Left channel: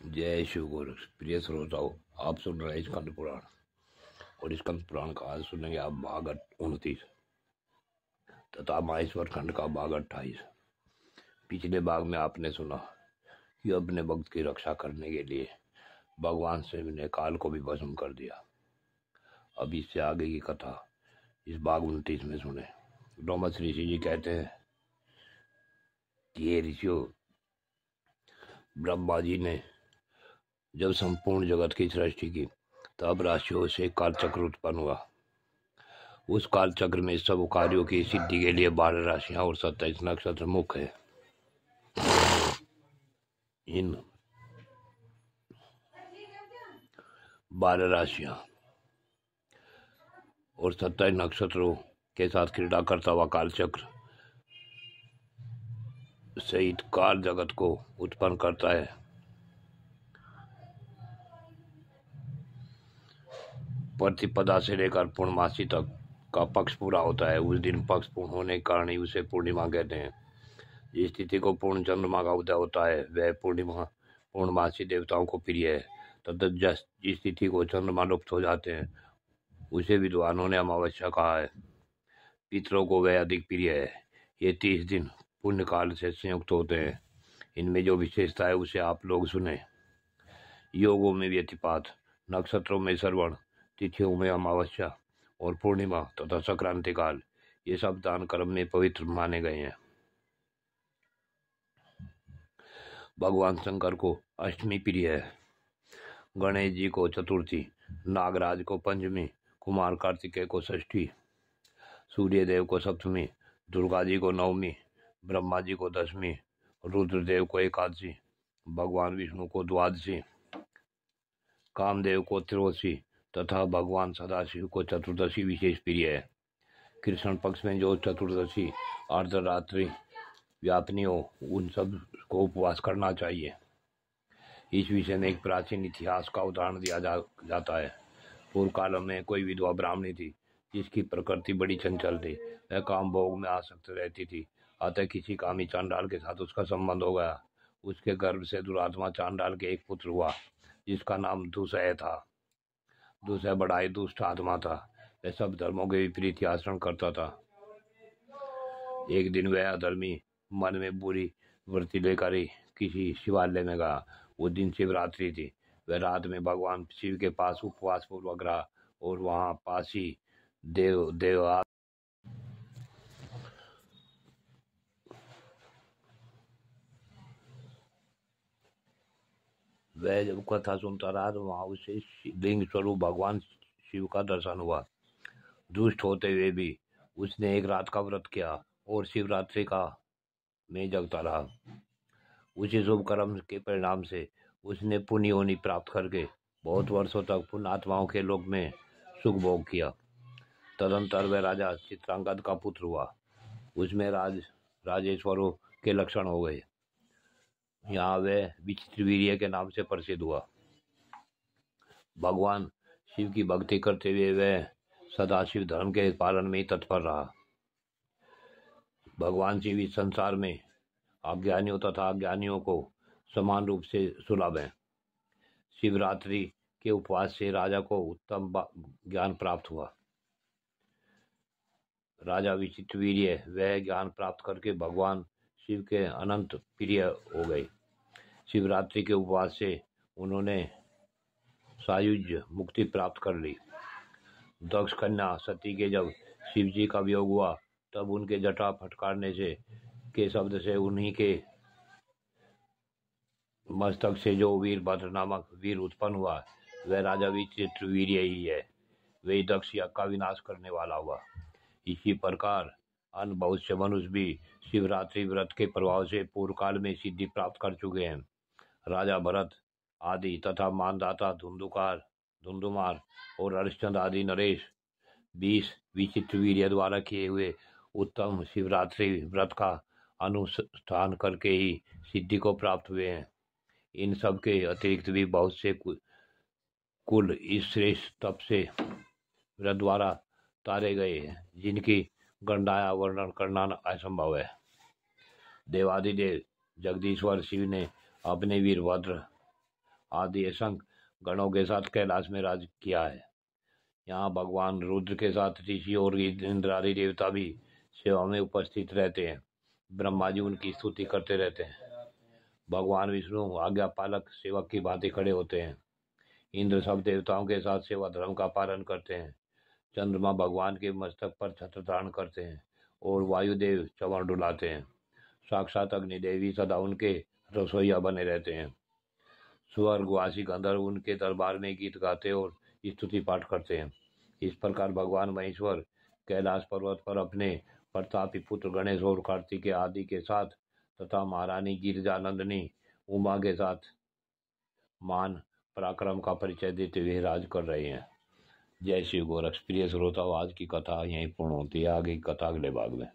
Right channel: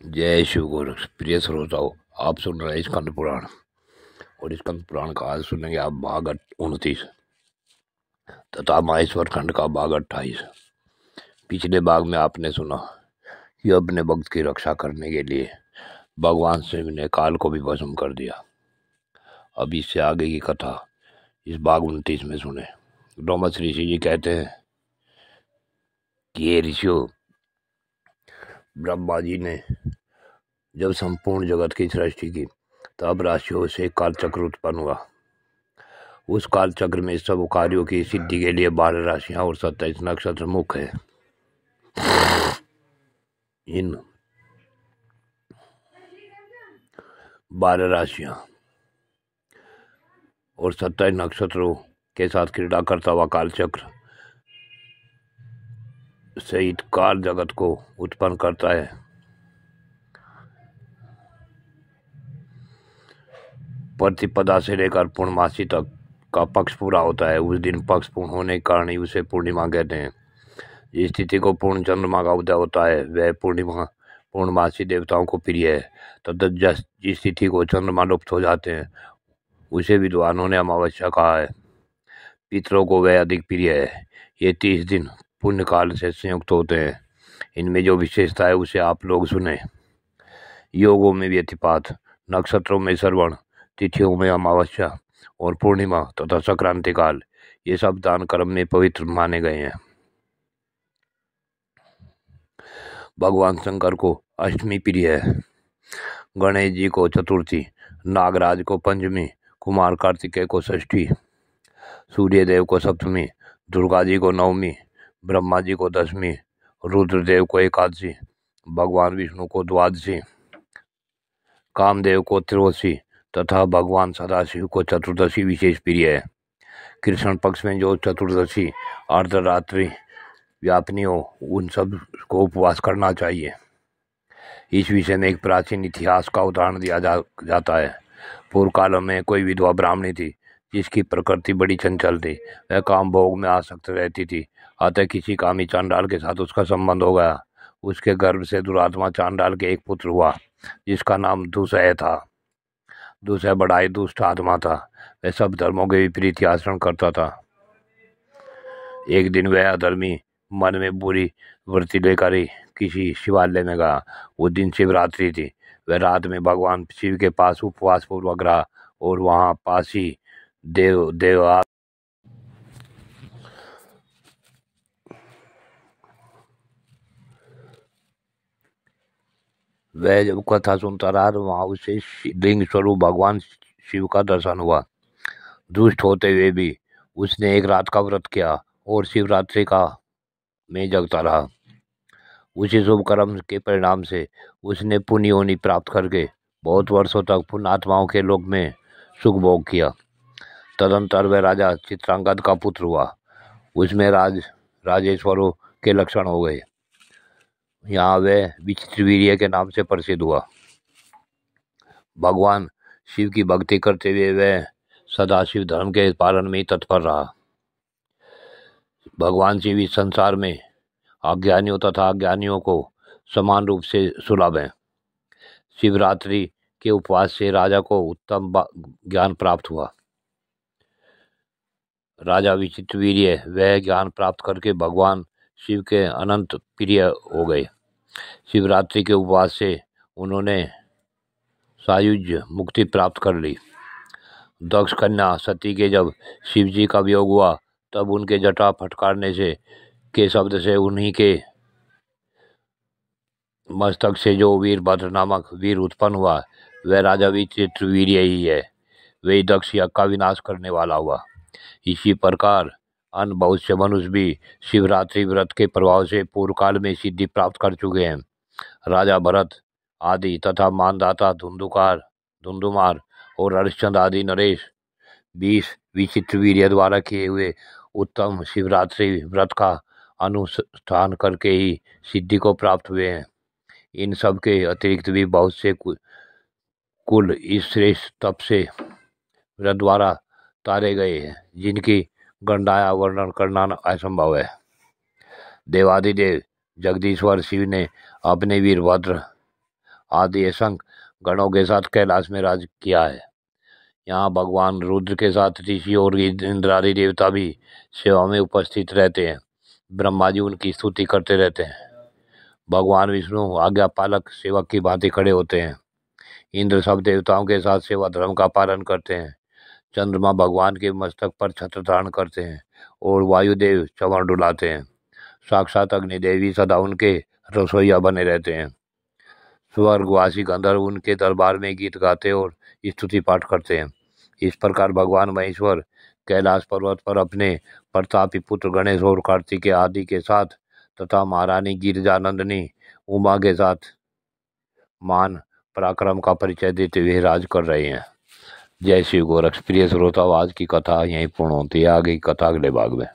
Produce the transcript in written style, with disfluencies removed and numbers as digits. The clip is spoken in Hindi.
जय शिव गुरु। प्रिय श्रोताओ, आप सुन रहे हैं स्कंद पुराण और स्कंद पुराण का आज सुनेंगे आप भाग 29 तथा माहेश्वर खंड का भाग 28। पिछले भाग में आपने सुना कि अपने भक्त की रक्षा करने के लिए भगवान शिव ने काल को भी भस्म कर दिया। अब इससे आगे की कथा इस भाग 29 में सुने। ब्रह्मश्री ऋषि जी कहते हैं कि ये ऋषियों, ब्रह्मा जी ने जब संपूर्ण जगत की सृष्टि की तब राशियों से काल चक्र उत्पन्न हुआ। उस काल चक्र में सब कार्यों की सिद्धि के लिए 12 राशियां और 27 नक्षत्र मुख्य है। इन 12 राशियां और 27 नक्षत्रों के साथ क्रीड़ा करता हुआ काल चक्र सहित काल जगत को उत्पन्न करता है। प्रतिपदा से लेकर पूर्णमासी तक का पक्ष पूरा होता है। उस दिन पक्ष पूर्ण होने के कारण ही उसे पूर्णिमा कहते हैं। जिस तिथि को पूर्ण चंद्रमा का उदय होता है वह पूर्णमासी देवताओं को प्रिय है तथा जिस तिथि को चंद्रमा लुप्त हो जाते हैं उसे विद्वानों ने अमावस्या कहा है। पितरों को वह अधिक प्रिय है। ये 30 दिन पुण्य काल से संयुक्त होते हैं। इनमें जो विशेषता है उसे आप लोग सुने। योगों में व्यतिपात, नक्षत्रों में श्रवण, तिथियों में अमावस्या और पूर्णिमा तथा संक्रांति काल, ये सब दान कर्म में पवित्र माने गए हैं। भगवान शंकर को अष्टमी प्रिय है, गणेश जी को चतुर्थी, नागराज को पंचमी, कुमार कार्तिकेय को षष्ठी, सूर्य देव को सप्तमी, दुर्गा जी को नवमी, ब्रह्मा जी को दसवीं, रुद्रदेव को एकादशी, भगवान विष्णु को द्वादशी, कामदेव को त्रयोदशी तथा भगवान सदाशिव को चतुर्दशी विशेष प्रिय है। कृष्ण पक्ष में जो चतुर्दशी अर्धरात्रि व्यापनी हो उन सब को उपवास करना चाहिए। इस विषय में एक प्राचीन इतिहास का उदाहरण दिया जाता है। पूर्व काल में कोई विधवा ब्राह्मणी थी जिसकी प्रकृति बड़ी चंचल थी। वह काम भोग में आसक्त रहती थी। अतः किसी कामी चांडाल के साथ उसका संबंध हो गया। उसके गर्भ से दुरात्मा चांडाल के एक पुत्र हुआ जिसका नाम दुसह था। दुसह बड़ा ही दुष्ट आत्मा था। वह सब धर्मों के विपरीत आचरण करता था। एक दिन वह अधर्मी मन में बुरी वृत्ति लेकर ही किसी शिवालय में गया। उस दिन शिवरात्रि थी। वह रात में भगवान शिव के पास उपवास पूर्वक रहा और वहां पास ही वह जब कथा सुनता रहा तो वहां उसे लिंग स्वरूप भगवान शिव का दर्शन हुआ। दुष्ट होते हुए भी उसने एक रात का व्रत किया और शिवरात्रि का में जगता रहा। उसी शुभ कर्म के परिणाम से उसने पुण्य योनि प्राप्त करके बहुत वर्षों तक पुण्यात्माओं के लोक में सुख भोग किया। तदंतर वह राजा चित्रांगद का पुत्र हुआ। उसमें राजेश्वरों के लक्षण हो गए। यहाँ वह विचित्र वीर्य के नाम से प्रसिद्ध हुआ। भगवान शिव की भक्ति करते हुए वह सदाशिव धर्म के पालन में ही तत्पर रहा। भगवान शिव इस संसार में अज्ञानियों तथा अज्ञानियों को समान रूप से सुलभ है। शिवरात्रि के उपवास से राजा को उत्तम ज्ञान प्राप्त हुआ। राजा विचित्रवीर्य वह ज्ञान प्राप्त करके भगवान शिव के अनंत प्रिय हो गए। शिवरात्रि के उपवास से उन्होंने सायुज्य मुक्ति प्राप्त कर ली। दक्ष कन्या सती के जब शिव जी का वियोग हुआ तब उनके जटा फटकारने से के शब्द से उन्हीं के मस्तक से जो वीरभद्र नामक वीर उत्पन्न हुआ वह राजा विचित्रवीर्य ही है। वही दक्ष यज्ञ का विनाश करने वाला हुआ। इसी प्रकार अन्य बहुत से मनुष्य भी शिवरात्रि व्रत के प्रभाव से पूर्व काल में सिद्धि प्राप्त कर चुके हैं। राजा भरत आदि तथा मानदाता धुंधुमार और हरिश्चंद्र आदि नरेश 20 विचित्रवीर्य द्वारा किए हुए उत्तम शिवरात्रि व्रत का अनुष्ठान करके ही सिद्धि को प्राप्त हुए हैं। इन सब के अतिरिक्त भी बहुत से कुल इस श्रेष्ठ तप से व्रत द्वारा तारे गए हैं जिनकी गणना वर्णन करना असंभव है। देवादिदेव जगदीश्वर शिव ने अपने वीरभद्र आदि असंख्य गणों के साथ कैलाश में राज किया है। यहाँ भगवान रुद्र के साथ ऋषि और इंद्र आदि देवता भी सेवा में उपस्थित रहते हैं। ब्रह्मा जी उनकी स्तुति करते रहते हैं। भगवान विष्णु आज्ञा पालक सेवक की भांति खड़े होते हैं। इंद्र सब देवताओं के साथ सेवा धर्म का पालन करते हैं। चंद्रमा भगवान के मस्तक पर छत्र धारण करते हैं और वायुदेव चंवर डुलाते हैं। साक्षात अग्निदेवी सदा उनके रसोइया बने रहते हैं। स्वर्गवासी गंधर्व उनके दरबार में गीत गाते और स्तुति पाठ करते हैं। इस प्रकार भगवान महेश्वर कैलाश पर्वत पर अपने प्रतापी पुत्र गणेश और कार्तिकेय आदि के साथ तथा महारानी गिरिजानंदिनी उमा के साथ मान पराक्रम का परिचय देते हुए राज कर रहे हैं। जय श्री गोरक्ष। प्रिय श्रोताओ, आज की कथा यहीं पूर्ण होती है। आगे की कथा अगले भाग में।